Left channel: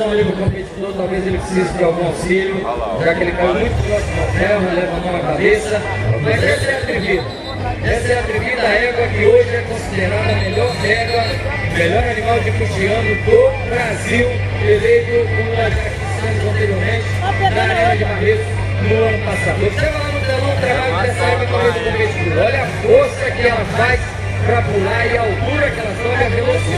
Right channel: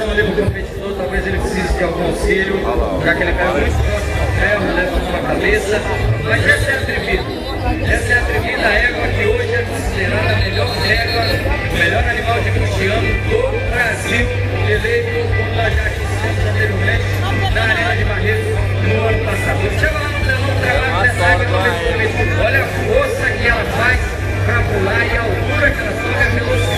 atenção ali pro competidor, talvez ele precise de algum auxílio, já que ele caiu muito próximo ao ferro, leva a mão na cabeça. Mas essa é a atrevida. Essa é a atrevida égua que hoje é considerada a melhor égua, melhor animal de custeando do Brasil, eleito, como nós já dissemos anteriormente, na Arena de Barretos no ano passado. Observa lá no telão o trabalho dessa égua com esse competidor. Olha a força que ela faz para pular e a altura que ela sobe, a velocidade.